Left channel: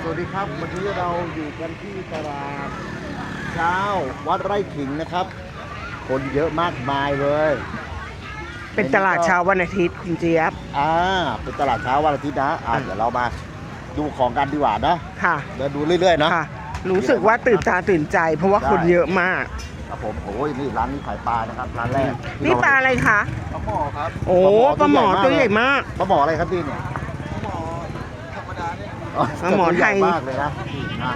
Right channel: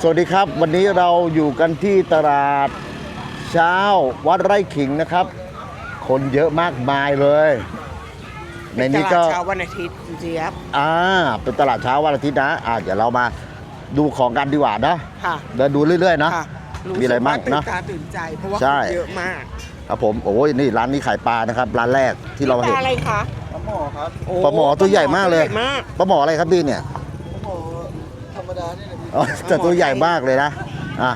สวัสดีครับ วันนี้เราอยู่กันที่ตลาดเช้าวัดไร่ขิงนะครับ คนเยอะมากมายเลยเป็นตลาดเช้าวันอาทิตย์คุณเจี๊ยบอ่าเป็นตลาดเช้าวันอาทิตย์นะอ่าเดี๋ยวเรามาดูของกันดีกว่านะค่ะเดินดูเรื่อยๆเนาะค่ะรู้มีอะสึไรกว่าบ้างนะตื่นตาตื่นใจ เพราะว่าใช่คนเยอะมาก ครับผมโอ้ยนี่ร้านนี้ขายปลานะครับ ร้านแรกที่นี่เราปลาเห็นอะไรคะปลาหมอครับโอ้ปลาหมอตัวใหญ่มากเลยตัวใหญ่มากปลาหมออะไรครับพี่เนี่ยปลาหมอธรรมดานี่นะพี่อ๋อ แต่ตัวใหญ่มากเลยนะอะ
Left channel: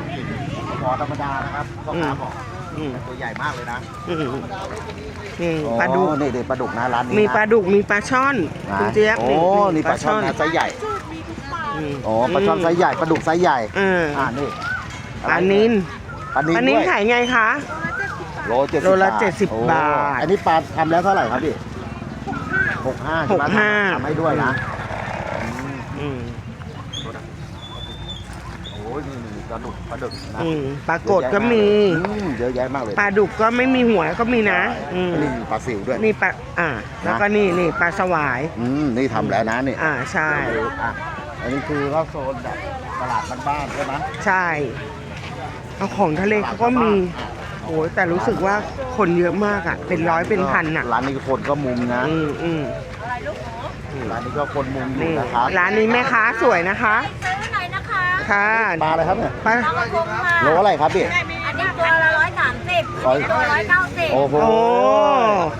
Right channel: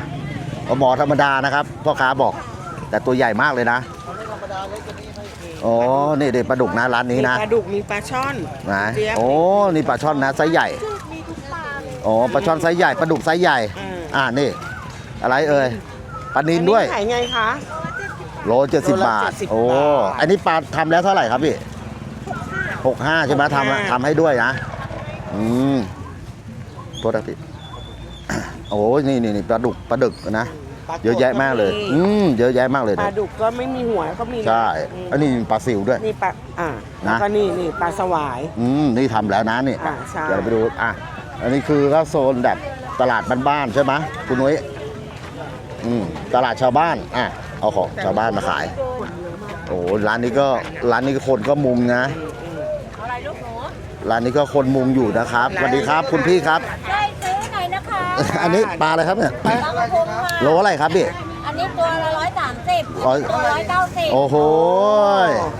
ปลาหมอธรรมดานะครับพ่อค้าบอกอืมแต่ตัวใหญ่มากเลยนะอืมธรรมดาเล็กกว่านี้ครับนี่โอ้ปลาดุกนี่เด็ปลาดุกนะร้านนี้มีนะปลาดุกมีปลาช่อนนะคุณเจี๊ยบโอ้นี่ปลาช่อนนะไซส์ใหญ่อืมอ๋อปลาช่อนไซส์ใหญ่ปลาดุกไซส์ใหญ่ อ่าอ่านี่ อะไรปลาเอ่นิยลปลานิลอันนี้ด้วยขายไงคะ โลเจ็ดสิบโลละบาท70โอ้บาทอันนี้ปลาทำแล้วเท่าไหร่ครับพี่หกห้าใช่ไหมหกห้า ทำทำให้ด้วยนะอืมอืมโทษนะพี่โอ้ยนี่นี่นี่ปลาดุกปลาดึกนะอืมปลาเยกอะดแยะก็มากมีเลยอืมเยอะแยะมากเลยปลาดุกก็ไม่มีหัวก็มีนะใช่อืมอันนี้ปลาสิวด้วย นี่ปลาอ่า แล้วนะก็นี่นี่ปลาสวาย อืมนี่ทำแล้วนะนี่อ่าใช่เดี๋ยวไปดูอะอันนี้คือก็โซนแบบตลาดบ้านๆใช่ไหมคุณใช่นุ้ยเอาของทะเลตลาดชาวบ้านก็มีอะเอาของโแต่ชาวรู้บ้านสึกมาว่าขายคนเยอะมากอะ โอ้เป็นร้ร้าอนยนี้เป็นก็พันอะร้านนี้คนก็มุงนะ อืมอืมร้านนี้ก็คนมุงอยู่นะครับร้านนี้สแม่วัสดีคุณค้าพี่สครัวบยนะคะซื้อหน่อยนะ คะค่ะอันนี้ปลาอะไรครับเนี่ยปลากระพงค่ะโลอะไรครับพี่อันนี้ตัวละร้อยสามสิบร้อยตัวร้อยเก้าสิบโอ้โห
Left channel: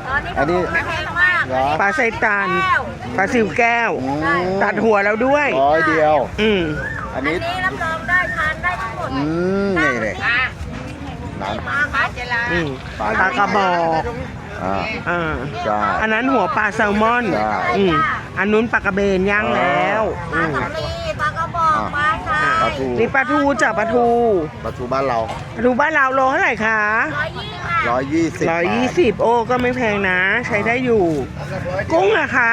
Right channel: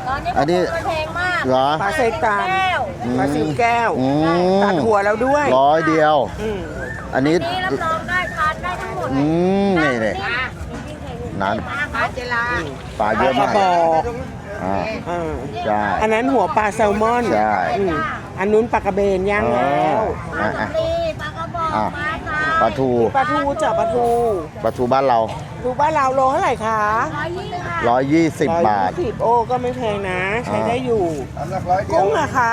ตอนนี้อันนี้แพงมากเหรอปลาไซตานแก้วปลาซิวแก้วอืมตัดหัวแล้วด้วยร้อยเดียวอืมอันอันนี้นี้รับรองได้ทานได้ทั้งหมดอืมนี่นี่ร้านปลาเจลาอืมปลาปเยลาอะกระมากบอกอ่าอ่าใช่อันนั้นหัวปลาแซลมอนใช่อืมอันนู้นปลากระเบนย่างแล้ว ทูนี่ปลาทูเจอปลาทูปลาทูบ้านเราปลาทูบ้านเราโลเท่าไหร่คะร้อยยี่สิบค่ะร้อยยี่สิบร้อยบายี่ท สิบโอ้ก็ไม่แพงนะ ใช้ได้อยู่เอาสักร้อยเดียวกุ้งอะคะ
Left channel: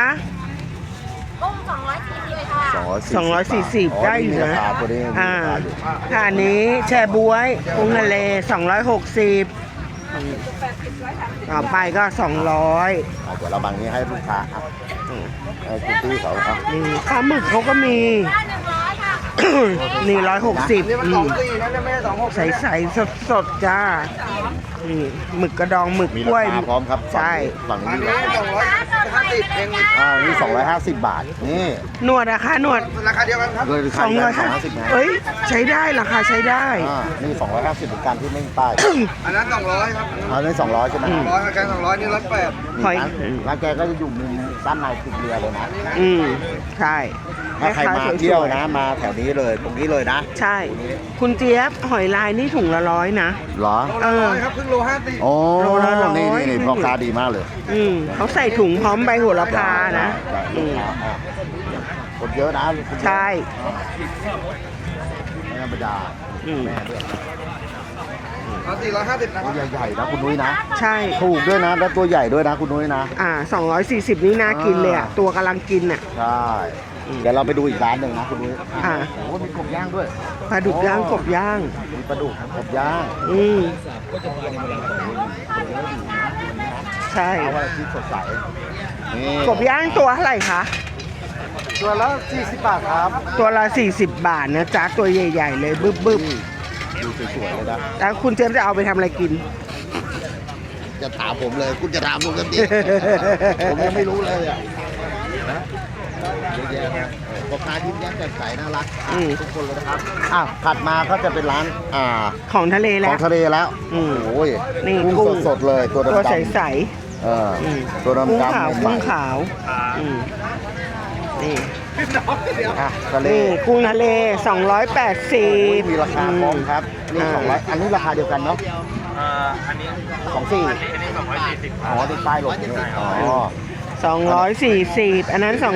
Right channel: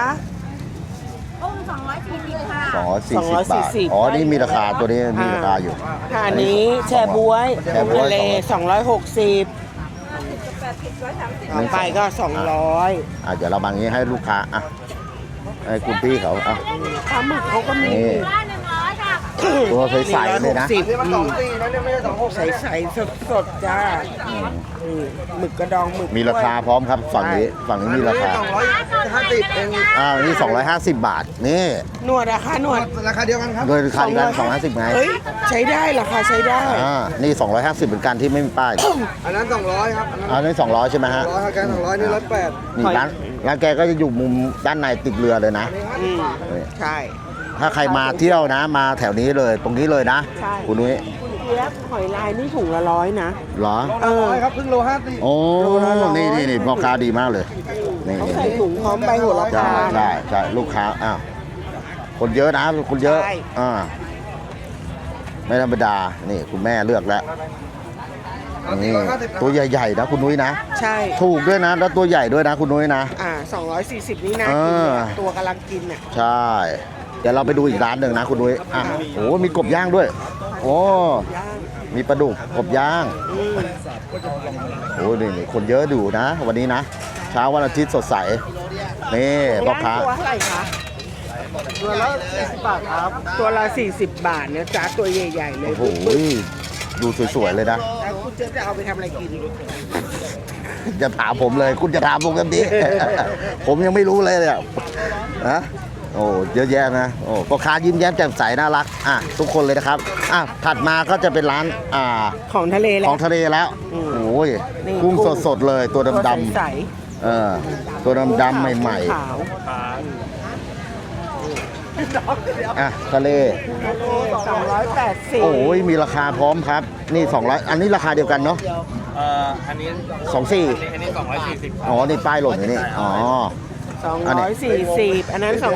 กุ้งสองร้อยสี่สิบค่ะสองร้อยสี่สองร้อยสี่สิบอ๋อ ได้นี่อยู่มีราคาตัวนี้มีราคาอยู่ อ่าอันนี้แช่บวยกุ้งทะเล260ต่อไปก็ 200อาจจะเราบางนี้ให้ลูกค้าอะให้คุณพี่เขาอะอืมข้าวหมึกเขาก็มี ร้อยหนึ่งร้อยค่ะ ตัวใสนี่ๆร้อยเลหยกนะสิบนี่มันสอืองมสี่นะเนี่ยไม่ใช่สองหกใสใสสดสดๆจ้านี่หมึกกระดองหมึกมีรากล้วย คาพร้อมครับฝั่งนี้ฝั่งอันี้นมีนี้ราคาสองร้อยห้าสิบเองเลยอ้าวนี่250 บาทนี่หนวดอะคะหนวดราคาเดียวกันครับ โดยคันกัน250 250ไงเฮ้ยใช้ได้ราคาใช้ได้ อ่านี่250เหมือนกันที่ไม่มีป้ายอันนั้นสองร้อยครับอันนี้200ใช่ไหมสอฮะงร้อยครับสองร้อยนี่ร้อยแปดนี่ร้านร้านแกก็จะอยู่มุมด้านในติดเรือเลยนะ อืมใช่ ถ้าใครมาเที่ยวนะ มาแถวนี้เลยตรงนี้เลยนะใช่ คุณนุ้ยคุณเจี๊ยบหอยลายนี่ถุงละร้อยนะ เหรอโลละร้อยครับเพิ่งโลห้าสิบโอ้โลละร้อยนี่นี่นี่พ่อค้าดีมากเลยอืมเขาใส่ถุงพร้อมใบโหระใช่พาใช่นะ ใช่ลูกค้าอ้าวคนเยอะนะคนเยอะใช่ เออไม่ธรรมดานี่คุณแม่เลือกแล้วเอาสี่ร้อยห้าสิบนะตัวใหญ่ๆนะคุณนุ้ยนะใช่ ถูกด้วยนะแล้วตัวใหญ่ด้วยนะคุณนุ้ยนะ อ่า240 นี่น่ากินเลยอะอ่าตัวกำลังกินอะ ใช่ เดี๋ยวเราไปดูอีกร้านหนึ่งนะคุณนุ้ยอะอ่าโอ้มีกบย่างด้วยปลาดุกย่างโอ้กบย่าง มีปลาดุกกบย่างอืม โอ้นี่คนเยอะอยู่นะ วันนี้นะใช่ เช้าวันอาทิตย์สดใสนี่กบย่างพ่อค้ตัวเท่าไหร่คะ ตัวละสี่สิบบาทครับตัวละ 40 บาทนะจ๊ะตัวใหญ่ ๆ เลยบึ้บบึ้บโอ้ยดูสวยๆเลยนะ แล้วคุณเจฟจะเอาไปทำอะไรกินจะถามผมเลย คุณจะถามผมกันดิผมยังไม่รู้เลยเลยอะนะ โอ้เยอะแยะนะโอ้พ่อค้ายิ้มแย้มแจ่มใสน่ารักอะอืม ทุกคนเลยนะครับอ้าวถัดมาก็จะเป็นร้านอ่าของทะเลแล้ขวองทะเลแล้วอืมโอ้ยนี่กุ้งกุ้ง สดๆเลยตัวตัวดำใสๆเออตัวๆดำๆใหม่กุ้งขาวอืมนี่ๆอะทะเลนี่กุ้งทะเล 280 โอ้ยมีราคาพร้อมครับ นี่200อันนี้ราคาเดียวกันเนาะเอ่ออันนี้ สองสี่อันนี้ อันนี้ 240 คอ๋รับ อนี่ป้ายหล่นอยู่นี่ใช่ครับอ๋อ 240 อันนั้น ใช่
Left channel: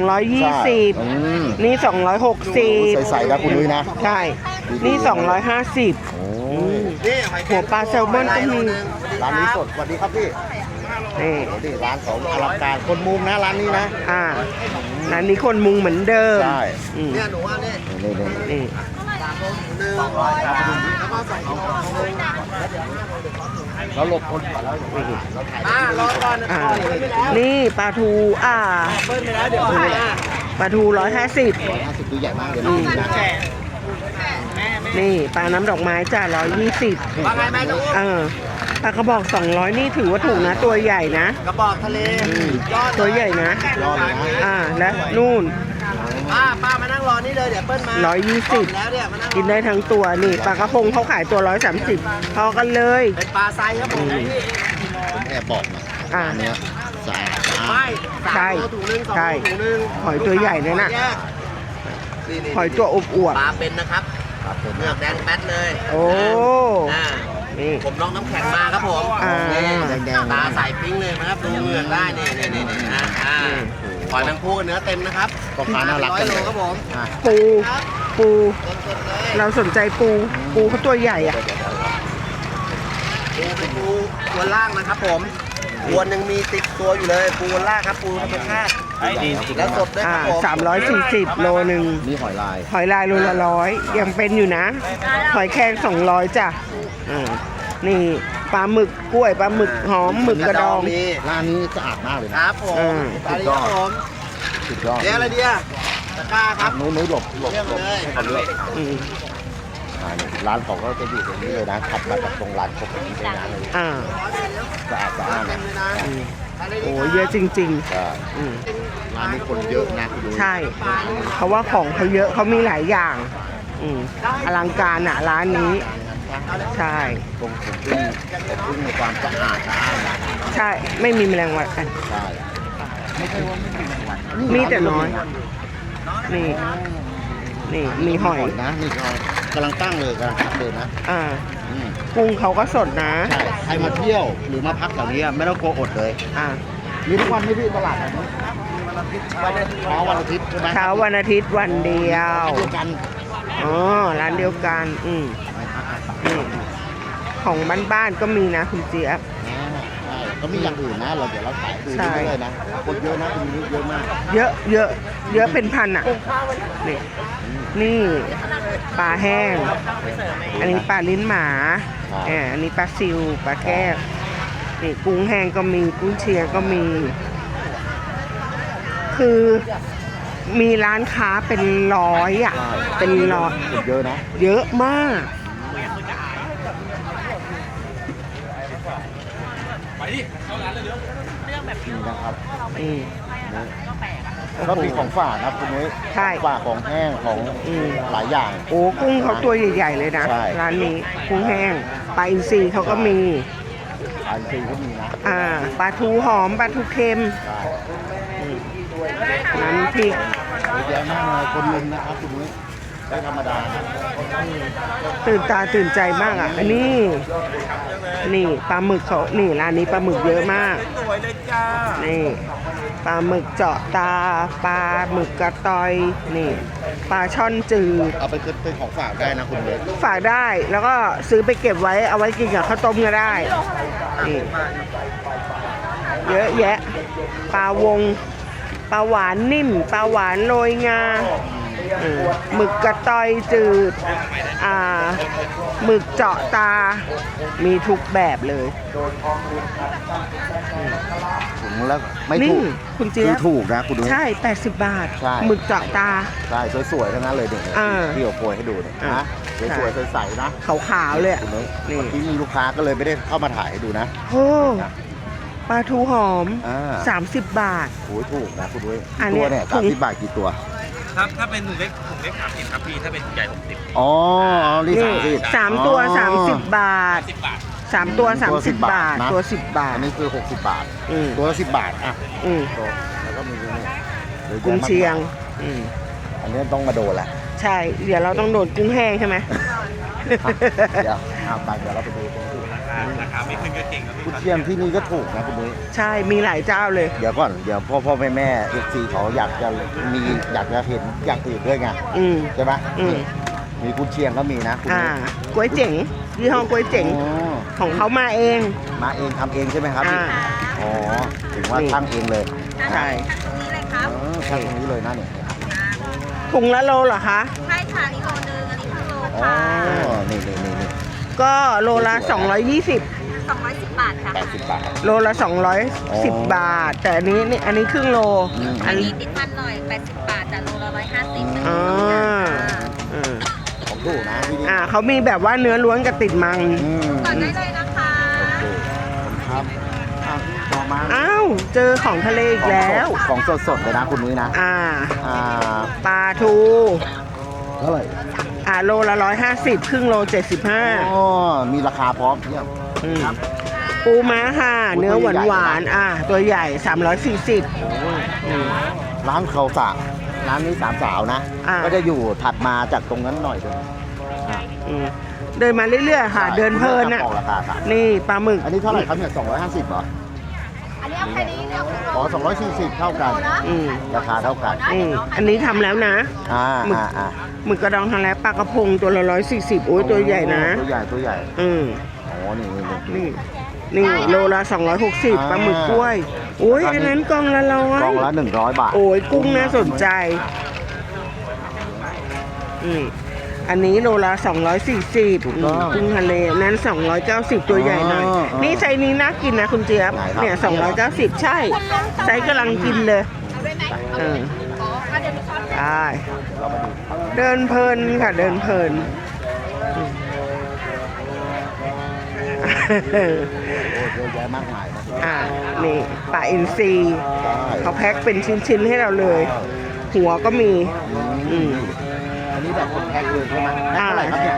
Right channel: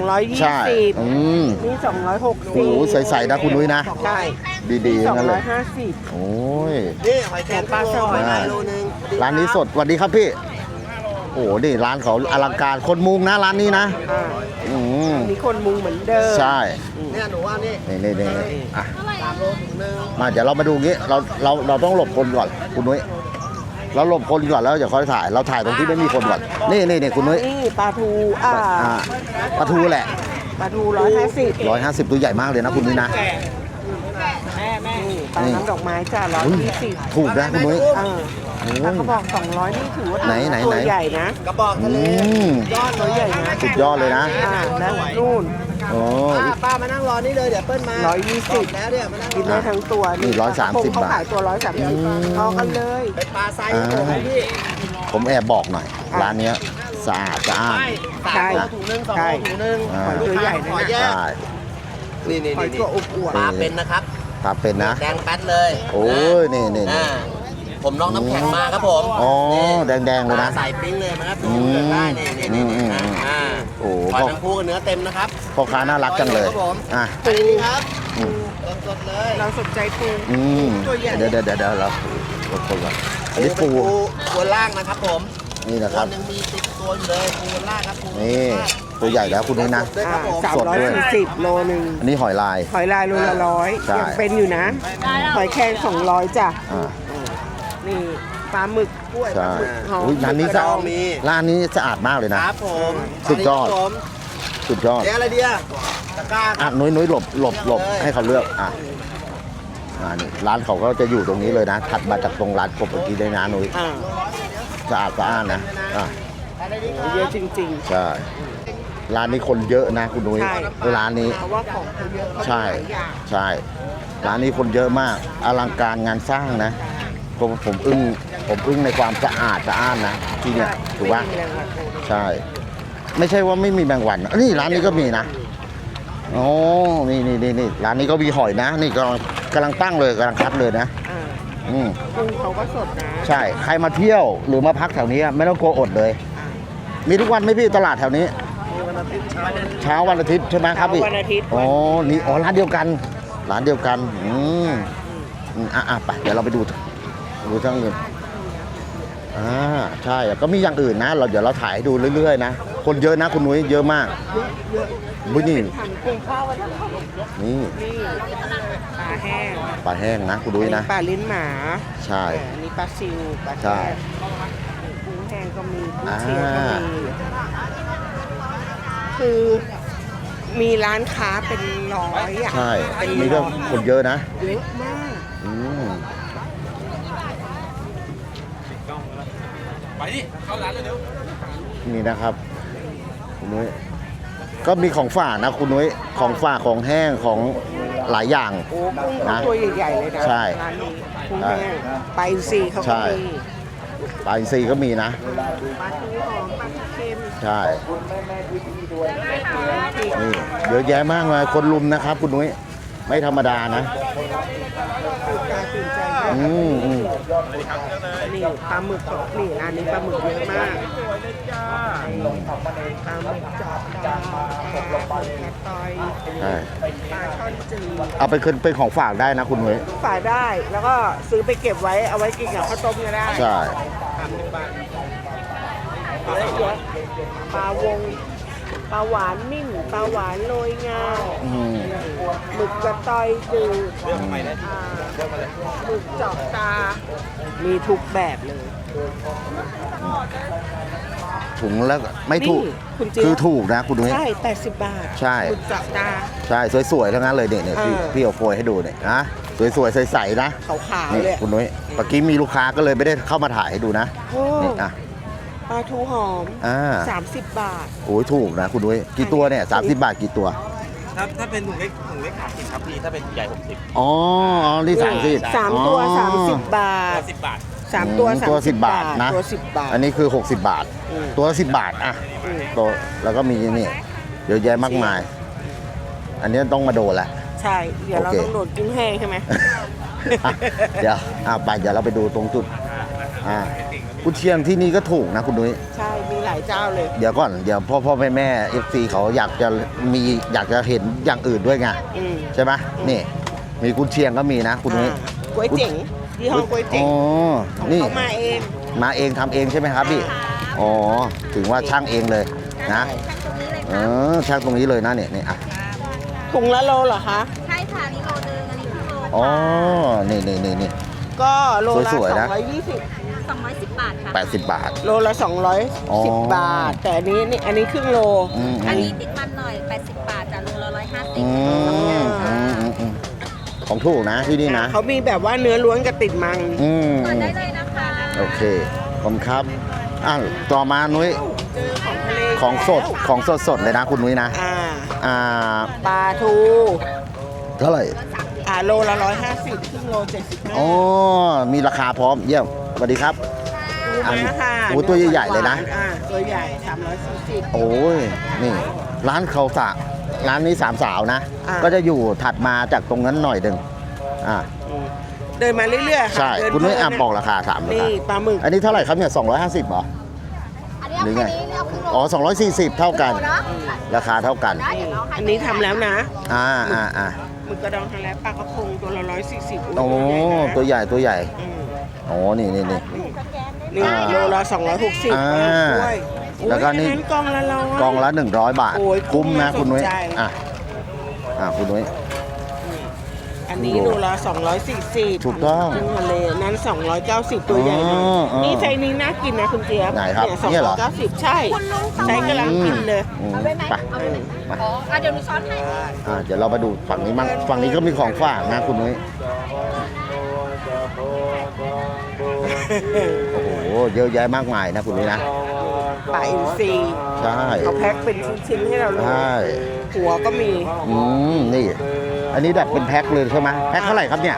220อืมนี่ โอ้โห260ใสๆนะคุณนุ้ยนะใช่ดีๆนี่ทั้งนั้นเลย250โอ้ยนี่หัวปลาแซลมอนอันหนึงร้านนี้สดสวัสดีครับพี่ โอ้โหนี่ร้านเขาอลังการคนมุงนะร้านนี้นะอ่าอืมอันนี้คนมุงเหมือนเดิมใช่อืมเนี่ยหนูว่านี่นี่นี่นี่นี่อะหนึ่งมาเดี๋ยวเรามาดูงี้เราเราเราต้องหลบคนก่อนคุณนุ้ย เราหลบคนก่อนแล้วอย่าค่อยถ่าย เราถ่ายตรงที่ไม่มีคนก่อนนี่นี่นี่คุณนุ้ยนี่ปลาทูอ่าปลาทูแหละปลาทูร้อยห้าสิบร้อยห้าสิบตัวใหญ่มากเลยนะคุณนุ้ยนะแม่แม่ปลาน้ำดอกไม้จ้าร้อยยี่สิบถูกนะคุณนุ้ยอ่าปลากระบอกสองร้อยนี่ถือว่าถูกไหนนะๆตัวใหญ่นะกระบอกทะเลอืมตัวใหญ่นะสุดยอดเลยนะอ่านะนู่นโอ้ ป้าป้ามานั่งรอนี่เลยเดี๋ยวเปิ้ลมาร้อยยี่สิบแล้วเนี่ยมานั่งรอกินได้ทั้งตัวนี่ร้ปอลายกระพงสามสิบเขาขายตัวร้อยสามสิบพอกันเลยไปปลาไซส์ครับผมพี่ผมแอบบอกหน่อยอะ ร้านเนี้ยสะอาดสะอาไม่ดสามโลถุงหนึงสองใช่ โลถุงหนึงหอยตัวใหญ่นั่นน่ะแยใช่กนี่นี่หอยตัวอบอวบปลาเป็นนะครับปลาเป็นนะ แดงแป๊ดเลยโอ้ยนี่นี่ อ่าผมลองน้ำแข็งมาครับผมอ๋อนี่แดงๆปเลยลานะใส่ปิ้งเลยนะ ครับดูเหมือนได้นี่นี่นี่นี่อ่าอ่าโอ้โหหอยแมงภูกับเนื้อเต็มนะครับพ่อค้าน่ารักจังเลยอะปู ปู สดๆเลยเราสนใจปู อืมปูเขาตัวใหญ่เดี๋ยวอะเดี๋ยวเดี๋ยวเราปูก่อนอันนี่นี้เป็นปูปูตัวล่างนะครับผมนี่นะคตัวรับหนึ่งมีติดตัวอยู่เลยปูล่างครับปูนี่ล่างตัวใหญ่แล้วคุณด้วยนะ สดด้วยอ่าครับผมสามร้อยสี่สิบโลหนึ่งอันนี่หอยลาย หอยลายโลละร้อยใช่ยังเป็นอยู่นะ หอยแครงสองร้อยจ้ะ อ่าอ่า นี่ปลาหมึกกล้วยปลาหมึกหอมหมึกกระดองมีร้านนี้สะอาดมากเลยคนะรับผมสุดยอดครับผมสุดยอดเดี๋ยวอะไรเดียตะกร้าคอะรับนุ้ยนุ้ยหลบหลบหลบเลือกเลย ให้เขาเลือกอะอืมอ่านี่ร้านเขาก็จะอยู่ตรงนี้เลยนะถัดมาจากตรงร้านปกติได้นะนุ้ยอ่าสะอาดสะอาดเต็นะมเลยนะอะอะไรดีคโอ้รับเยอะจริง ใช่ๆอืม ร้านนี้คนเยอะนะคุณนุ้ยใช่ ร้านนี้ เพราะว่าของเขาเยอะเขามีหลายอย่าง ใช่ อืมร้านนี้คนเยอะมากร้านอลันี้งการงานสร้างนะใช่ผมผมอึ้งผมอึ้งในความสะอาดสะอาดนะที่ใช่ไม่มีแมลงวันอะ ใช่ ไม่ใช่ว่าไม่มีแมงวันนะนี่มีร้านแต่นี้ก็น้อยมีนะนี่โอ้นี่นี่นี่นี่นี่ร้านนี้ก็มีมีหหอยอยนะ นี่ก็กำลังตั้งเลยกำลังคัดเลยนะอ่าอืมกุ้งเขาก็สดนะใช่ใครมาเที่ยวหรือมาพักแถวนี้ไม่ต้องกลัวอดเลย อ่ามีทุกวันไหมพี่ตลาดแถวนี้ เช้าวันอาทิตย์ใช่ไหมครัเช้าบพี่วันอาทิตย์วันอ๋อเดีนี่ยวอ๋อร้านเดียวกันร้านเดียวกันอ๋อร้านเดียวกันอืมอืมอะอะไปเดี๋ยวเราไปดู ของบ้านๆก็มีนะคุณเจี๊ยบ อ่าใช่แล้วก็มีอย่างอื่นนะ เราเดี๋ยวเราถ่ายให้ดูใช่ เรื่อยๆนะ คนเยอะนะคุณนุ้ยเยอะมาก เยอะเยอะเยอะเป็นพันอะ นี่นี่นี่ปลาแห้ง ปลาแห้งนะคุณนุ้อัยนนี้นะ ปลาลิ้นหมาใช่อ่าอันนี้ปลาซิวปลาใช่แก้วนี่กุ้งแห้งก็มีกุ้งเชียงก็มี คือมีร้านค้าเป็นร้อยอะ ใช่เป็นนี่ก็ร้อยคนเยอะนะเยอะมาก อืมนี่นะครับนี่คุณนุ้ยก็มีของฝากนะคุณนุ้ยของฝากของแห้งของหลายอย่าง โอ้กุ้งเขาตัวใหญ่ๆเลยนะ ใช่ร้านนี้กุ้งแห้งปลาอินทรีเขาก็มีปลาอินทรีก็มีนะ อ่าปลาทูหอมปลาทูเค็ม ใช่น้ำ พริกนี่เยอะแยะมากมายคนลุมนะครับ คุณนุ้ยไม่ธรรมดานะ ตื่นตาตื่นใจมากอะอืมอันนี้นี่ปลาหมึกเขานี่ร้านนี้ปลาหมึกเยอะมากนี่ปลาหมึกเจาะตาปลาหมึกกระตอยนี่ปลาช่อนจืดเอาไปขึ้นเป็นของฝากได้นะคุณนุ้ย ฝากได้แล้วก็ซื้อไปเก็บไว้เอาไว้กินกับข้าวต้มก็ได้ใช่ นี่เยอะแยะปลาวง ปลาหวานนิ่มปลาหวานโรยงาอืมอืมหมึกกระตอยจืดอ่าหมึกเจาะตา มีทุกแบบเลยถุงแล้วไม่นี่ถูกคุณเจี๊ยบคือถูกนะคุณนุ้ยใช่ 80 บาทใช่ หมึกเจาะตา ใช่สวยๆทั้งนั้นเลยเด็กเนี่ยที่อ่า ที่เอาโปรยให้ดูเนี่ยนะสวยๆใสๆนะขาวๆเลยนี่อะ คุณนุ้ยนี่ เมื่อกี้มีลูกค้าก็เลยไม่ได้เข้ามาถ่ายให้ดูนะโอ้นี่นะ ปลาทูหอม อ่า30 บาท โอ้ยถูกนะคุณนุ้ยอักี่นเนี้ยตัวเนี่ยสามสิบบาทกี่ตัว ครับถ้าเป็นถุงเล็กถุงเล็กสามสิบครับพี่ถ้าเป็นใหญ่หกสิบอ๋อนี่สามสิบ สามตัวอ๋อ30บาทสิบบาท สามตัวอืมสามตัวสิบ10บาทบาทนะ ตัวสิบบาทอันนี้คือ 60 บาท อืมตัวละ10 บาทอะอืมโตแล้วก็มีนี่เยอะแยะมากมาย อืมอันนี้ต้องมาโดนแหละ ใช่ เดี๋ยวเราโอเค ต้องโดดกุ้งแห้งใช่ไหม อะเดี๋ยวเอาไปเดี๋ยวเราไปดูตรงจุดไม่ขึ้นก็เก่งครับพี่กุเชียงที่นี่ก็ถูกนะคุณนุ้ย ใช่มีหลายเจ้าเลย เดี๋ยวก่อนเดี๋ยวพ่อพ่อแม่แม่เอฟซีเขาอยากจะมีอยากจะเห็นอย่างอื่นด้วยไงอืม ใช่ไหมอืม นี่ มีกุนเชียงก็มีนะคุณนุ้ยอ่าก๋วยเจ๋งยี่ห้อก๋วยเจ๋งอ๋อของนี่เขามาเอง มาเองทำเองใช่ไหมครับพี่อ่าอ๋อถึงว่านี่ช่างเองเลยนะใช่ทั้งตรงนี้เลยคอ๋รัอบช่างตรงนี้เลยนะเนี่ยนี่อะครับถุงละโลเหรอคะใช่ค่ะนี่โลนึงอันนี้ครึ่งโล อ๋อค่ะนี่นี่นี่นี่ ก็โลละสวยๆนะ 220สองร้อยสิบบาทค่ะ แปดสิบบาท โลละอ๋อ210 บาท แต่อันนี้นี่อันนี้ครึ่งโลอืม อันนี้ติดมันหน่อยแปดสิบบาทแต่โลละร้อยห้าสิอืบมอ๋ออืมอืมเออของถูกนะที่นี่อ่านะเขามีแบบว่าเนื้อล้วนกับติดมัง อืมก่อนได้เลยนะคะ โอเคขอบคุณครับอ้าวต่อมานุ้ยอ้าว เจอของทะเลอีกของสดแล้วของสดสดๆเลยนะคุณนุ้ยนะ อ่า อ่าปลาทูเท่าไหร่ อ่าโลละร้อยห้าสิบครึ่งโลเจ็ดสิบห้าอ๋อมีราคาพร้อมเยี่ยมสวัสดีครับ ปูม้าค่ะโอ้เนื้อตัวหใหญ่วานๆเลยนะหวานอ่าตัวใหญ่สามร้อยสี่สิบ โอ้ยนี่ร้านเขาสะร้านนี้สามสาวนะ อ่า ก็จะอยู่ถัดมาจากตรงนั้นหน่อยหนึ่งอ่าเดินมาเรื่อยๆค่ะ ใช่เดินคุณเพนุ้ลิยนอะนะบอกราคาสามนี่ปลาหมึกอันนี้เท่าไหร่ครับเนี่ย250เหรออันนี้เอาแค่นี้ เรียกคุณอ๋อ240 เท่ากันอืมราคาเท่ากันอืมอันนี้ทำแล้วนะอ่าอ่าอ่าหมึกกระดองทำแล้วปลากระพงตัวละร้อยสี่สิบโอ้ยตัวใหญ่นะโอ้ตัวใหญ่ตัวใหญ่อืมอ๋อนี่นี่นี่ นี่นี่โลละ260อ่าปลาหมึกกล้วยโอ้แล้วยก็อันนี่ นั้นกล่องละร้อย กองละ 100 บาทโอ้ยกุ้งคุ้มน่าคุณสนใจนุ้ยอะอะคุณนุ้ยอืม อันนี้โลละ240ถูกต้องกุ้งทะเลนั้น 290 ตัวใหญ่หน่อยอ๋ออ๋อนี่ไซส์นี้น่ากินนะคุณเจี๊ยบไหนครับเนี่ยเนี่ยเหรอ 290 ใช่ไซส์กำลังกินเลยอืมเอาได้ไหมไปเอออ๋อเอาเดี๋ยวหนูช้อนให้ ได้ อ่าเดี๋ยวเรามาดูฝั่งนี้เดิมานฝั่งนี้ก็มีของฝากเพลินะนคุณนุ้ยโอ้โห เยอะแยะมากมายนะคุณนุ้ยนะนี่ปลาอินทรีใช่ เขาแพ็คเป็นชิ้นๆให้เราเลย ใช่หัวก็มี อืมนี่ อันนี้แบบเป็นแพ็คเลยใช่ไหมแพ็คเท่าไหร่ครับเนี่ย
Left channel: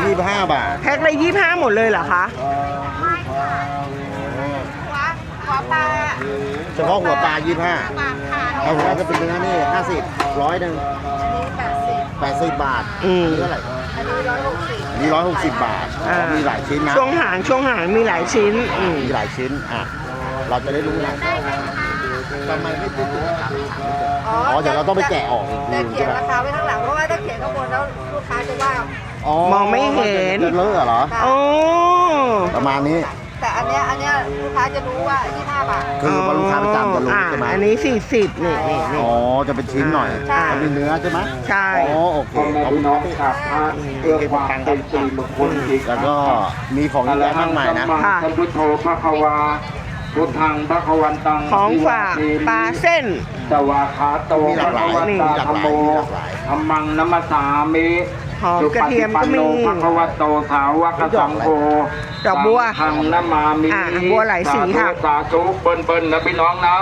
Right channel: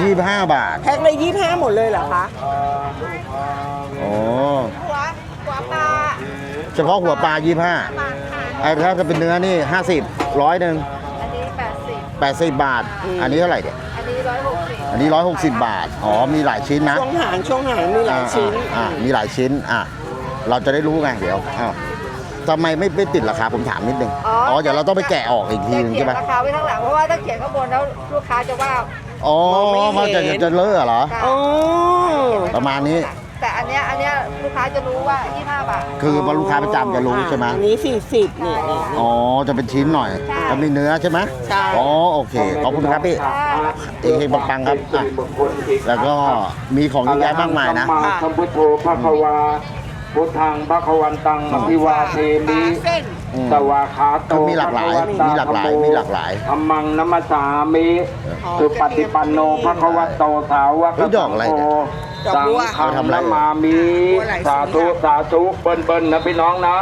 ยี่สิบห้าบาทแพ็คเลย25หมดเลยเหรอคะโอ้หัวหัวปลาเฉพาะหัวปลายี่ห้าปลาค่ะไอ้ถ้าเป็นเนื้อนี่ห้าสิบร้อยหนึ่งแปดสิบบาท อันนี้เท่าไหร่เนี่ยอันนี้ร้อยห กสิบบาท อ๋อ มีหลายชิ้นนะช่วงหางช่วงหางมีหลายชิ้นอะมีหลายชิ้น อะ เราจะได้รู้ไงเดี๋ยวอะทำไมไม่ไม่ติดราคาผมถามนิดนึง อ๋อ เดี๋ยวเราต้องไปแกะออกอีกทีนึงเขียใช่นไหม ราคาไว้ข้างหลังเพราะว่าถ้าเขียนข้างบนแล้วลูกค้าจะว่า อ๋อมองไม่เห็น จะจะเลอะเหรอ อืมประมาณนี้ แต่อันเนี้ยอันเนี้ยลูกค้า จะรู้ว่า25บาท คือว่าลูกค้าประจำจะรู้ใช่ไหมอันนี้ 40นี่นี่นี่ อ๋อ จะเป็นชิ้นหน่อยใช่แล้วมีเนื้อใช่ไหมใช่ อ๋อ โอเค ขอบคุณครับพี่จริงๆปังๆครับอะ แล้วก็มีของเยอะแยะมากมายนะ ค่ะสัมพุทโธพระควาพุทธังพระควันตังของวิวาฝากเทปลามิเส้น สวาคาโตมีหลากหลายมีหลากหลายมีหลากหลาย ธรรมังนัมสสามิหอมสุกระปเทีฏิยมปัก็นโนมีพระควโตสาวกสังโฆ ดอกสับัว ฆังนามามิอะบัวหลายสีสาธุค่ะ สาธุเบิ้ลเบิ้ลนะพี่น้องนะ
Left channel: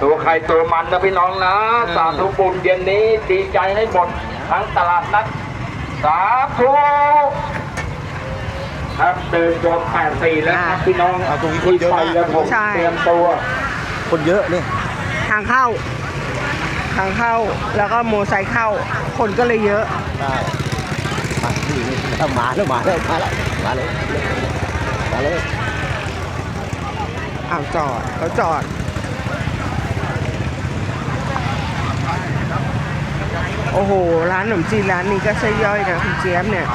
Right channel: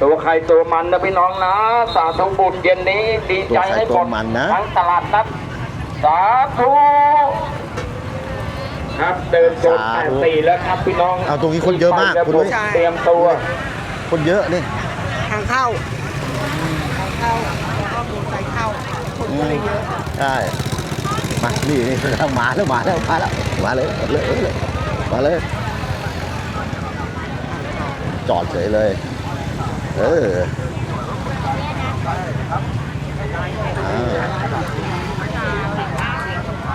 ตัวใครตัวมันนะพี่น้องนะ สาธุบุญเย็นนี้ดีใจให้หมดตัวมันนะ ทั้งตลาดนัดสาธุครับเดินจนแปดสี่แล้วครับพี่น้องอ่าตรงนี้คนเยอะมากที่ไปแล้วผมใช่เตรียมตัว คนเยอะนี่ทางเข้า ทางเข้า แล้วก็โมอไซค์เข้า คนก็เลยเยอะ ได้มานี่นี่แล้วมาแล้วมาแล้วมาแล้ว มาเลยมาเลยมาเลยอ่าวจอดเขาจจออดด เลย เออ โอ้โห ร้านขนมจีนร้านนี้ก็ใช่ย่อยนะคุณเจี๊ยบเนี่ย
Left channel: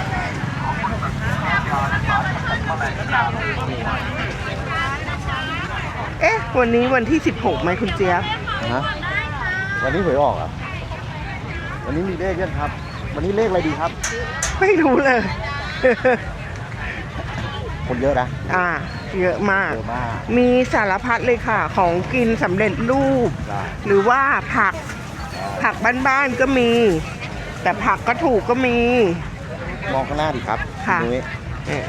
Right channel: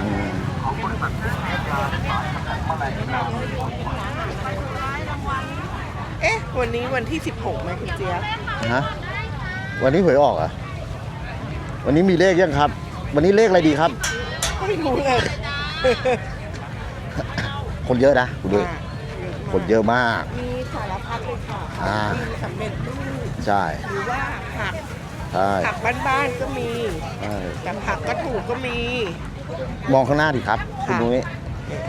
เอ๊ะ วันนี้วันที่ 16ไหมคุณเจี๊ยบ ฮะ วันนี้หวยออกอะ วันนี้มีเลขยังครับ วันนี้เลขอะไรดีครับ ไม่รู้เลย คนเยอะนะอ่าเยอะคมานก เยอะมาก มีสารพัดเลยค่ะ ของอ่ากิ กินสำเร็จรูป ใช่หรือว่าผักใช่ผักบ้านๆก็มี ใช่แต่ผักก็ถูกก็มี มองข้างหน้าดิครับคุณค่ะ นุ้ยเนี่ย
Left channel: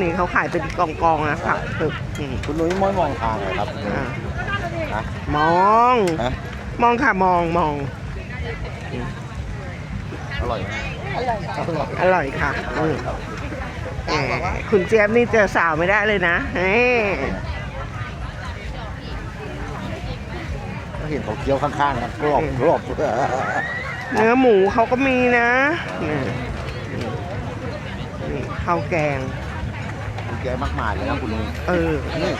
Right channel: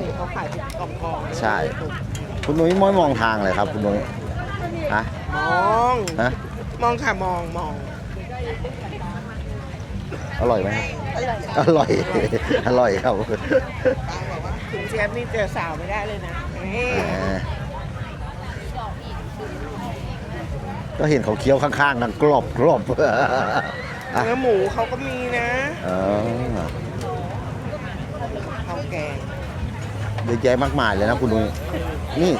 นี่เขาขายเป็นกองๆนะใช่คะตึกอืมคุณนุ้ยมองมองทางเลยครับคุณนุ้ยฮะมอง ฮะมองค่ะมองมองอร่อยไหม อร่อย อร่อยค่ะ อร่อยครับเอ่อคุณเจี๊ยบนี่เจอสาวไม่ได้เลยนะเอ้ยก็เห็นเขาเคี้ยวข้างๆมันกรอบกรอบเนื้อหมูเขาก็มีนะเออข้าวแกงเยอะแยะมากมายเลยนะคุณนุ้ยเออนี่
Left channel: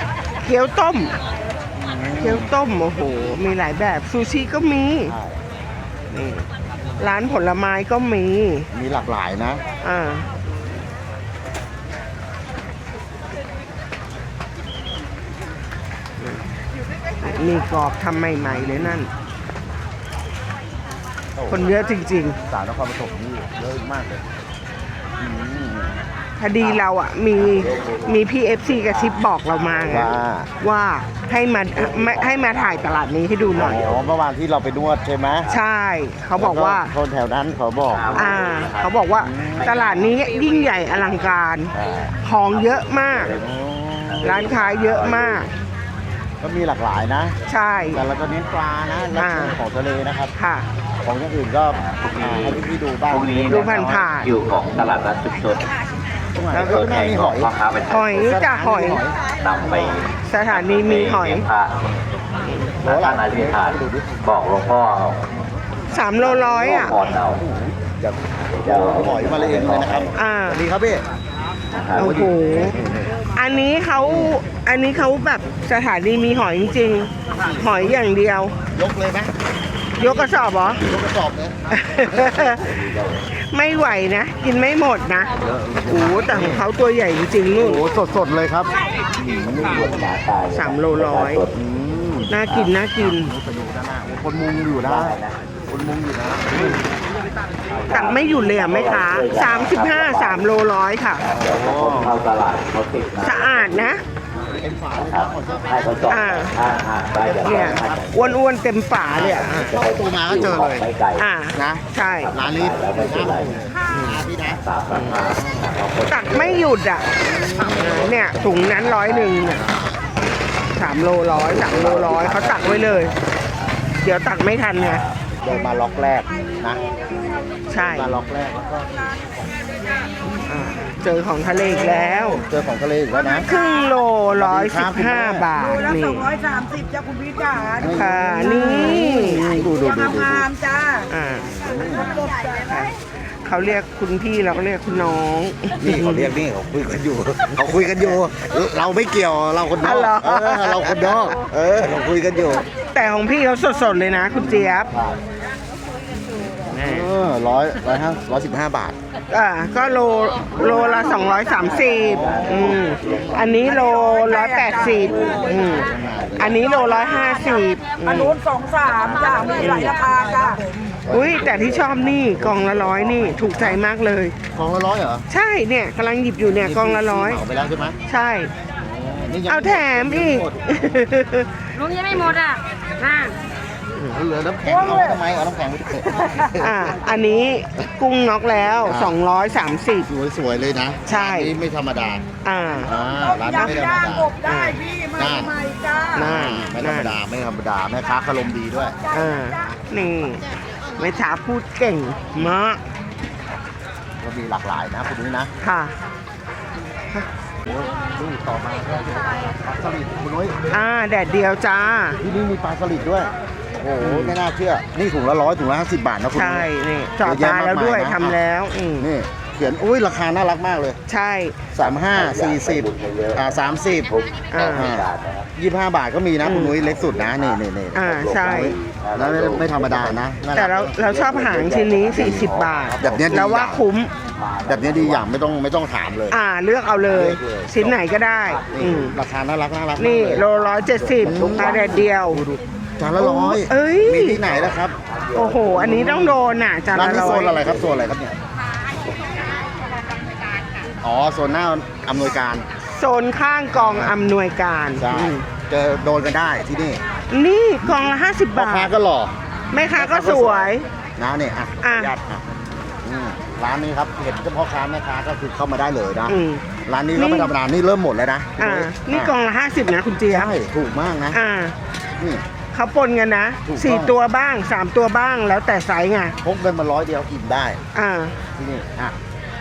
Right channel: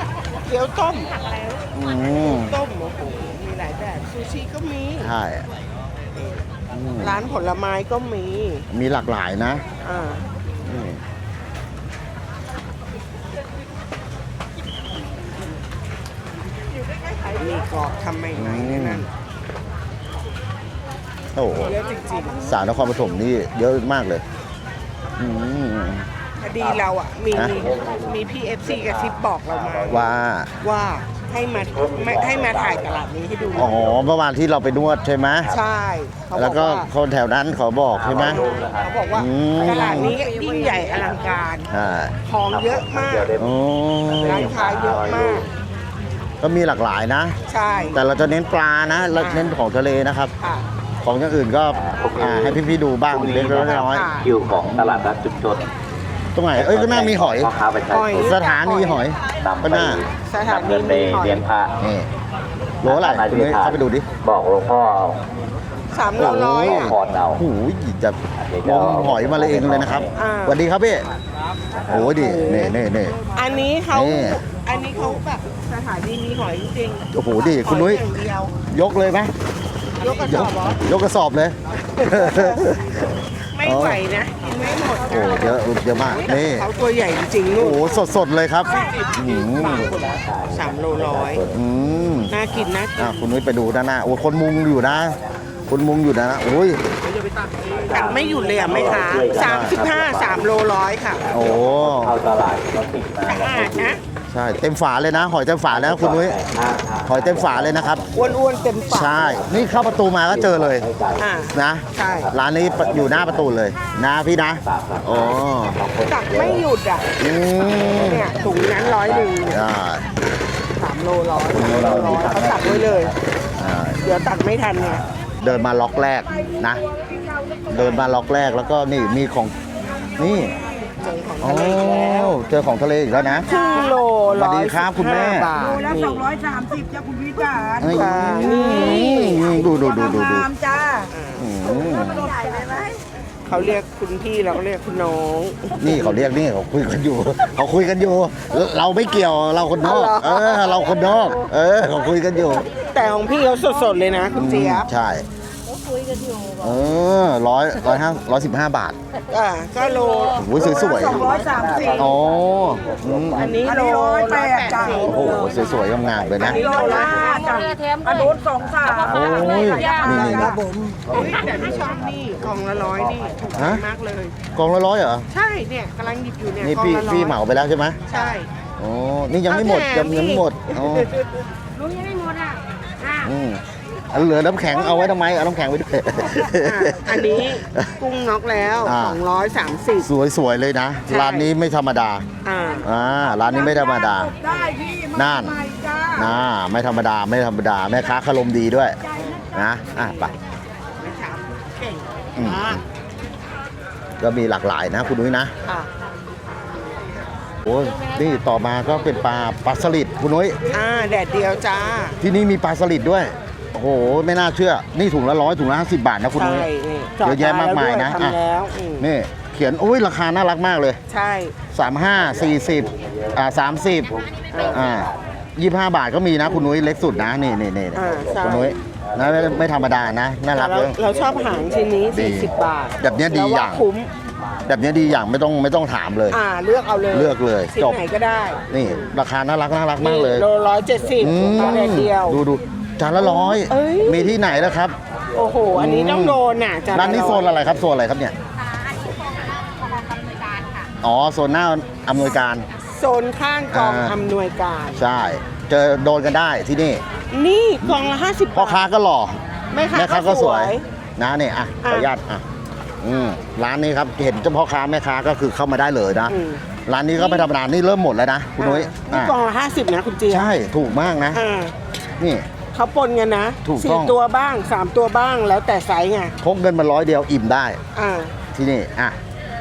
เกี๊ยวต้มอืเกี๊ยวมต้มโอ้โหมีหลายแบบซูชิก็มี ใช่ นี่ ร้านผลไม้ก็มี มีหลากหลายนะ อ่า มีกรอบทำใหม่ๆเลยนั่น โอ้โหคนเยอะจริง สาวนครปฐมนี่เยอะมากเลย อืมพอดีเราอะ มี มีพี่เอฟซีกระซิบบอกเรามาไงว่า ว่า ให้มาไม่ให้มาถ่ายตลาดนี้ให้ดูหอ๋น่อยอเมื่อวานที่เราไปนวดใช่ไหมใช่ เขาบอกว่าแล้วคนแถวนั้นขอบอกใช่ไหม อ่าเขาบอกว่าอืม ตลาดนี้ยิ่งใหญ่อลังการ อ่าของเยอะมาก อ๋อร้านค้าเยอะมาก ก็มีหลากหลายนะ ใช่ แต่เราจะเน้นปลานะเราเน้นของทะเลนะครับ ค่ะ ของอย่างอื่นก็อ่าให้พี่ๆดูบ้างพรุ่งนี้เล็กนะๆน้อยค่ะคิวของตลาดนัดชุมชนๆ ตรงไหนเอ้ยคุณแม่มีหอยพ่อค้าประชาหอยชนสถานีหอยตามก็ไปได้สถานีมีหอยเลี้ยงพระนี่หน้านาฬิทานดูดิบอกหลวงพ่อสามโลร้อยอะก่อนเราโอ้โหจะเดี๋ยวจะเอาหอยมาเลยเองเลยนะครับอ่าสวัสดีครับพี่โอ้ยดินี่นี่นี่อันนี้เขานี่อันนี้เขาแบบสถานีมีหอยจริงโอ้โหดิหอยคุณนุ้ยอย่างเดียว ยกเลยไหม ยกกระสอบเหรอ ยกกระสอบเลย ไม่ไหวนะ กินไม่หมดนะ เยอะเยอะโอ้มากโหแต่ขนี่องเขาตัวใหญ่จริงๆโอ้นี่โหสดสดๆเลยครับอืมสามโลร้อย อืมน่ากิน น่ากินอะคุณนุ้ยไปดูด้านหน้าโอ้คนมุงอยู่นะ คนมุงอยู่นะโอ้ยตักไม่หยุดเลยอะแม่ค้าสามสิบห้าสามโลร้อยค่ะ โอ้โหเข้าตลาดเขาติดนะสะอาดนะ ใช่เต็มฝาเลยนะหอยเต็มฝาแล้วคุณนุ้ยหอยเต็มฝาเลยนะครับอ้วนๆเต็มฝาใช่เลยอะนี่เข้าประตูมาก็เจอเลยอ่านะใช่ร้านนี้อยู่หน้าประตูเลยนะพี่นะอ๋อตักไม่หยุดอะเนี่ยถุงนั้นร้อยหนึ่งอ่าสามโลร้อยสามโลร้อยเขาตักไว้เลย เดี๋ยวตักไม่ทันนะเดินมาล็อกแรกนะ ใช่เดินมาล็อกแรกแล้วก็นี่มีของนี่ เจอของทะเลอีกแล้ว เจอของทะเลอีกแล้วนะ ครึ่งโลสวัร้สอดียครัสิบบคุณแม่ห้าบาทนี่นี่ค่ะนี่ ดูดูดูดูดูอ่าอืมเขาเรียกคุณพี่เราก็เรียกคุณน้อง นี่เขาเรียกนี่เขาคุยกันอยู่ เขาคุยกันอยู่ เราไม่เกี่ยวเราคนนอก เออ เราคนนอก เออเขาคุยกันอยู่แต่ของพี่เขาสดๆเลยนะ คุณเจี๊ยบ ใช่ เออร้อยร้อยห้าร้อยสิบห้าบาท อ่าก็โลโอ้โลโหสวยๆ ละสองร้อยสามสิบอ๋ออันนี้โลร้อยแปดสิบสวยๆงามๆเลยอันะนนี้โลร้อยห้าสิบอันนู้นสองสามสามเลยหลังราคาค่ะอุ้ยแต่ที่ชอบนี่กล่องละร้อยนี่ถูกใจมากเลย กองละร้อยเหรอใช่เนี่ยกำลังหยิบอยู่เนี่ยนี่กล่องพี่ละร้พี่อยเหมาไปแล้วใช่ไหมใช่อ๋อนี่ยังไม่หมดเอาแถยังมยังอีไม่กหมดอ๋อลุงยังไม่หมดอะค่ะอืม เอาเหลือน้ำแข็งเอาไว้ทำไมเอาน้ำแข็งไว้ด้วย อ่าอันนี้กุ้งน็อกแล้ว อ่า230สวยๆเลยนะ ใช่ ร้านนี้ไม่ธรรมดาอ่า อ่าร้านนี้ไม่ธรรมดาได้พี่น่านใหม่จ้าน่าไม่ธรรมดาไม่ธรรมดาแม่ค้าคารมดีด้วย อ่านะ นี่อะไปแม่ช้าพูดเก่งมากก็มีหลากหลายนะคุณนุ้ยนะค่ะ โอ้ยนี่ต่อมาก็เป็นปลาปลาสลิดคุณนุ้ยอ่า แดดเดียวจ้าที่นี่มีปลาสลิดด้วย โอ้โหไม่น่าเชื่อ นี่ถุงละร้อยถุงละห้าสิบบาทนะคุณใช่นุ้ย นี่จอดเยอะแยะตายแล้วมากมายด้วยนะ ทำแล้วอืมนี่เขียนอุ้ยราคาน่ารักมากเลย ใช่ 35 40อ่า30อ่าอ่า25 บาทก็มีนะคุณนุ้ยเล็กสุดนะนี่นี่นี่อ่าใช่ คุณนุ้ยแล้วไม่ไม่ธรรมดานะน่าแต่รักเราเลย เราชอบหางชิ้นนี้ 40 บาทแบบเนี้ยดีเราอว่าย่าง คุ้ม แบบนี้ดีอย่างไม่ต้องไม่ต้องถามเลย อ่าเลือกเอาเลยเลือกเลย ชิ้นจบไหนก็ได้นี่อืมราคาน่ารักน่ารักมากนี่เลยโลร้อยเจ็ดสิบอืมตาแดดเดียว ดูดู จานละร้อยเอ้ย มีที่ไหนนะครับโอ้โห อันนี้ต้องโดนอะจานร้านละนี้โซร้อยนอะไรครับโซนอะไรครับเนี่ยอ๋อโซนหน้าอำนวยการ โซนข้างกองอ่า อำนวยการ ใช่เจอโดนกันได้ที่นี่นี่กองละห้าสิบพ่อบาค้าทก็หล่อแม่ค้าก็สวย นะเนี่ยอะขออนุญาตอะอืมร้านนี้ครับเห็นเฉพาะค้าแม่ค้าก็คือเข้ามาได้เลยนะอืม ร้านนี้ก็ไม่ธรรมดานี่เริ่มหมดแล้วนะคุณอ่านุ้ยนี่อะกองละห้าสิบนะคุณเจี๊ยบใช่ถูกมากนะ อ่า นี่ เขาปนกันนะถูกต้อง สี่ตัวบ้างสามตัวบ้างแล้วแต่ไซส์ไงพกเงินมาร้อยเดียวอิ่มได้ อ่าที่นี่อะ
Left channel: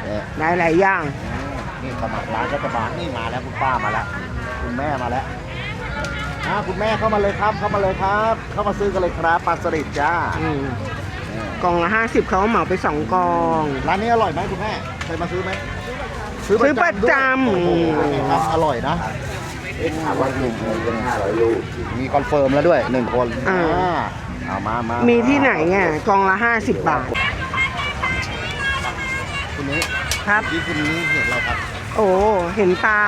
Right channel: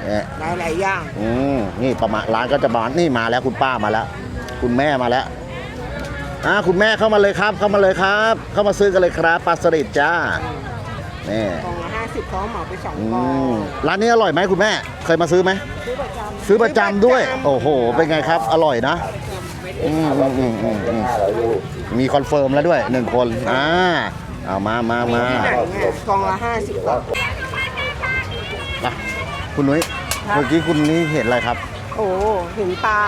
เนี่ยหลายหลายๆอย่าง อืมนี่ประมาณร้านก็จะมานี่มาแล้วคุณป้ามาแล้ว คุณแม่มาแล้วอ่าคุณแม่เข้ามาเลยครับ เข้ามาเลยครับ เข้ามาซื้อกันเลยครับปลาสลิดจ้าอืมนี่กองละห้าสิบเขาเหมาไปสองกอง ร้านนี้อร่อยไหมคุณแม่ เคยมาซื้อไหมซื้อประซื้อประจำด้วยจำ โอ้โห เป็นไงครับ อร่อยนะอื มอืมอืมอืมมีคอนเฟิร์มแล้วด้วยหนึ่งคนอ่าเอามามามีมีที่ไหนอะกองละห้าสิบบาท คุณนุ้ยครับ เมื่อกี้คุณนี่เห็นอะไรครับ โอ้เห็นปลา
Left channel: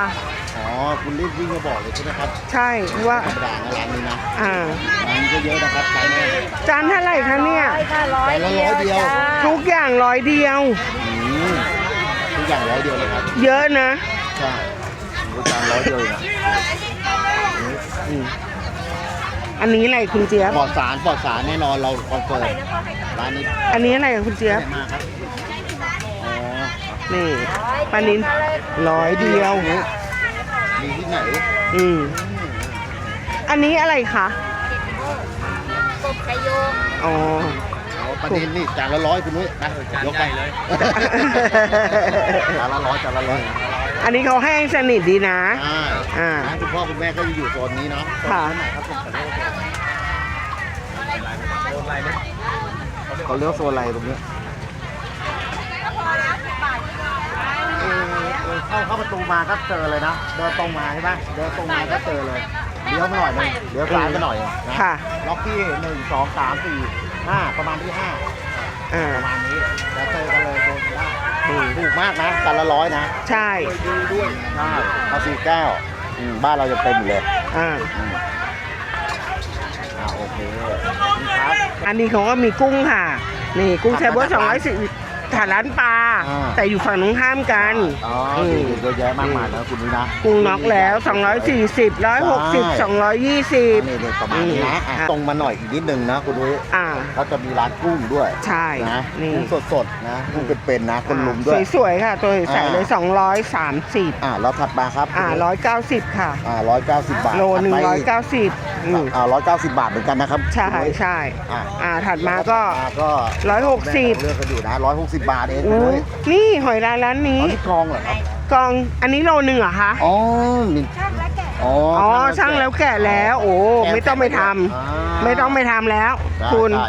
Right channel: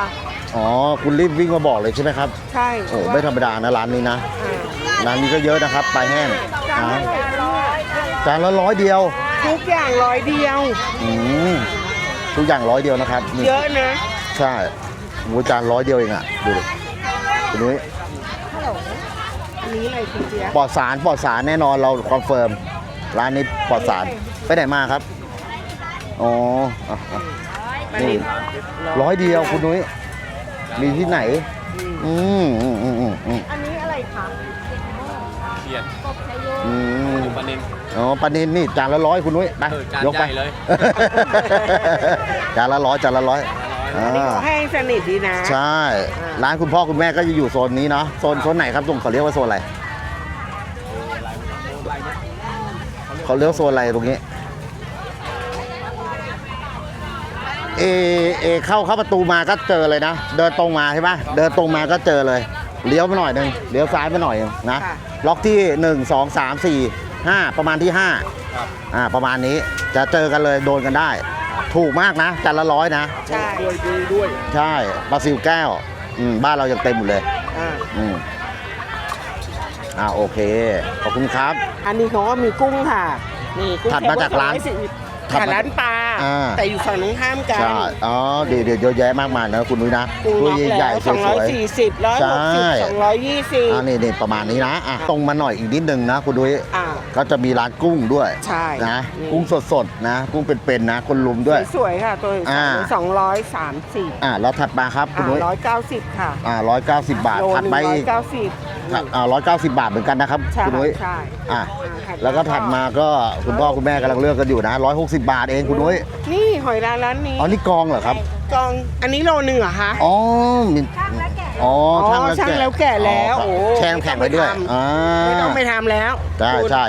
อ๋อ คุณรีบวิ่งมาบอกเลยใช่ไหมครับใช่โอ้ว่าไม่ธรรมดานะร้านนี้นะ อ่าร้านนี้ก็เยอะนะครับปลาแห้งจานเท่าไหร่คะเนี่ยจานละร้อยเดียวทุกอย่างร้อยเดียว อืมทุกอย่างร้อยเดียวนะครับ เยอะนะ ใช่ หมูจานร้อยเดียวเองอะดูดูอันนี้อะไรคุณเจี๊ยบ ปลอดสารปลอดสารแน่นอนเราคอนเฟิร์มร้านนี้ปลอดอันนี้สารอะไรอะคุณเจี๊ยบ ไปไหนมาครับอ๋ออะนี่ปลานินร้อยเดียวคุณนี้มีที่ไหน อืมอืมอืมอืมอืมอืมอันนี้อะไรคะอืมอ๋ออ๋อประเด็นนี่จานละร้อยคุณนุ้ยไปยกไปเลย จานละร้อยจานละร้อย อันนี้เขาแห้งสนิทดีนะ ใช่ อ่า ร้านคุณพ่อคุณแม่ก็จะอยู่โซนนี้เนาะ โซนค่ะโซนไหนครับตุ่มเขาเรียกว่าโซนอะไร เขาเรียกว่าโซนอะไรตรงนี้ เอ เอ เข้าเข้าประตูมาก็เจอเลยนะ เดินตรงมาใช่ไหมเดินตรงมาก็เจอเลย เลี้ยวมาหน่อยหนึงเลี้ยวซ้ายมาหน่อยหนึงนะ ค่ะ ล็อกที่ 1 2 3 4 5 ประมาณที่ 5 อ่าประมาณนี้จะเจอกันเลยโดนกันได้ ถูกมากนะจานละร้อยนะ ใช่ใช่ปลาซิวแก้วอืมบ้านเรายังเต็มอยู่เลยอ่าอืมอ่าโอเค ขอบคุณครับ อันนี้เขาก็มีกุ้งค่ะ นี่กุ้งถัดแซ่บมาว่าจากสองร้านร้อยสี่ ขาร้านปลาอ่า แต่อยู่ฝั่งตรงข้ามกัใช่นอ๋อดีเดี๋ยวเยอะแยะมากมายนะคุณนุ้ยนะกุ้งน็อกใหญ่แล้วสวยๆ 240 160 220อ่านี่นี่ประมาณนี้นะอะค่ะตรงมาหน่อยอีกนิดนึงนะคุณนุ้ยอ่า ก็จะมีร้านกุ้งด้วยใช่นะนี่ กุ้งสดๆนะกุ้งเป็นๆนะ คนลุมด้วย สวยๆค่ะ ตัวใสๆเลยอ่า230อ่าแล้วถัดมาครับคุณอ่านุ้ย190ค่ะ อ่าร้อยเก้าสิบบาทโลถัดหนึ่งไปร้อยอีกเก้าสิบอืมอ่าร้อยเก้าสิบบาทเหมือนกันนะครับใช่คุณนุ้ยใช่อ่าอ่าถัดแล้วมาก็ก็ถัดมาก็คุณพ่อคุณแม่160กำลังเลือกกันอยู่นะร้อยหกสิบบาทเองคุณนุ้ยนี่หอยลายร้านนี้อ๋อนี่กองเหรอครับกองอันนี้โลหนึ่งเหรอคะอ๋อมีอ๋ออ๋อช่างแล้วแกะแล้ว โอ้แช่ไม่ต้องไปแข็ว้ด้วยทำอ่าไม่ต้องไปทำแล้วใช่คุณใช่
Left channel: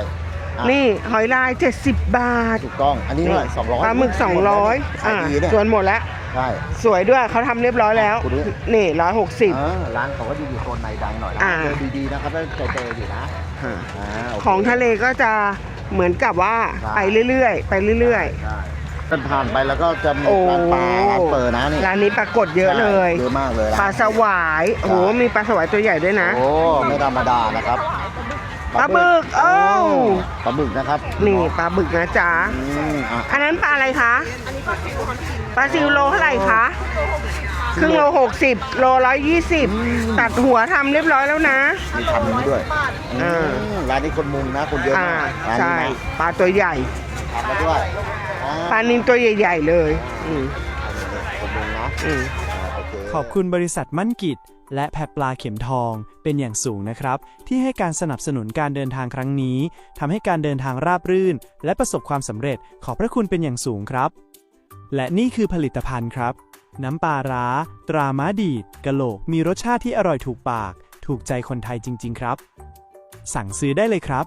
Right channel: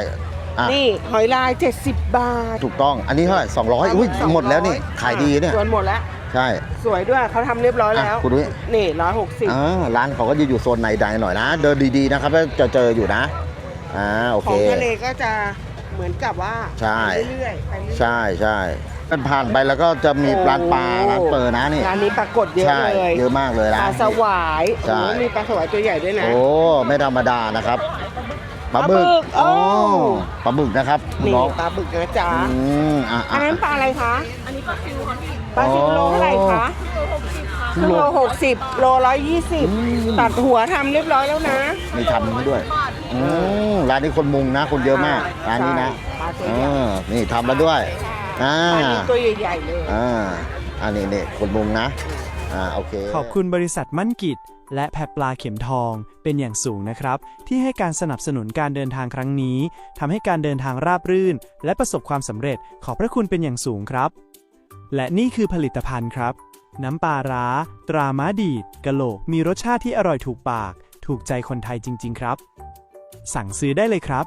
อะนี่หอยลาย 70 บาท ถูกต้อง อันนี้เท่าไหร่สองร้อยปลาหมึกสองหมดร้แล้วอนี่ยขายดีเนี่ยส่วนหมดแล้วใช่สวยด้วยเขาทำเรียบร้อยแล้วอะคุณดูนี่ร้อยหกสิบอ่าร้านเขาก็จะอยู่โซนในใดหน่อยนะอ่าเดินดีๆนะครับจะเจออยู่นะอ่าโอเคของทะเลก็จะ เหมือนกับว่าใช่ ไปเรื่อยๆไปเรื่ใช่อยใช่เป็นผ่านไปแล้วก็จะๆมีโอ้ร้านปลาร้านเปิดนะนี่ร้านนี้ปรากฏเยอะเลย ใช่เยอะมากเลยนะ ปลาสวายโอ้โหใช่มีปลาสวายตัวใหญ่ด้วยนะ โอ้ไม่ธรรมดานะครับปลาบึกโอ้อ้าว ปลาบึกนะครับนี่ปลาบึกนะจ๊ะ อืมอะอันนั้นปลาอะไรคะปลาซิวโลเท่าไหร่คะ ครึ่งโลหกสิบโลร้อยยี่สิบตัดหัวทำเรียบร้อยแล้วนะ มีทำมาด้วยอืม ร้านนี้คนมุงนะ คนเยอะมากอ่าร้านนี้นะใช่ปลาตัวใหญ่ อ่านี่ทำมาด้วยอ่าปลานิลตัวใหญ่ ๆ เลยอ่าอันนี้เนี่ยคนมุงนะอืม อ่าโอเค ขอบคุณบริษัทมั่นกิจ และแพรปลาเข็มทองเป็นอย่างสูงนะครับ ที่ให้การสนับสนุนการเดินทางครั้งนี้ทำให้การเดินทางราบรื่น และประสบความสำเร็จขอบพระคุณเป็นอย่างสูงครับ และนี่คือผลิตภัณฑ์ครับ น้ำปลาร้า ตราม้าดีดกะโหลกมีรสชาติที่อร่อยถูกปาก ถูกใจคนไทยจริง ๆ ครับ สั่งซื้อได้เลยครับ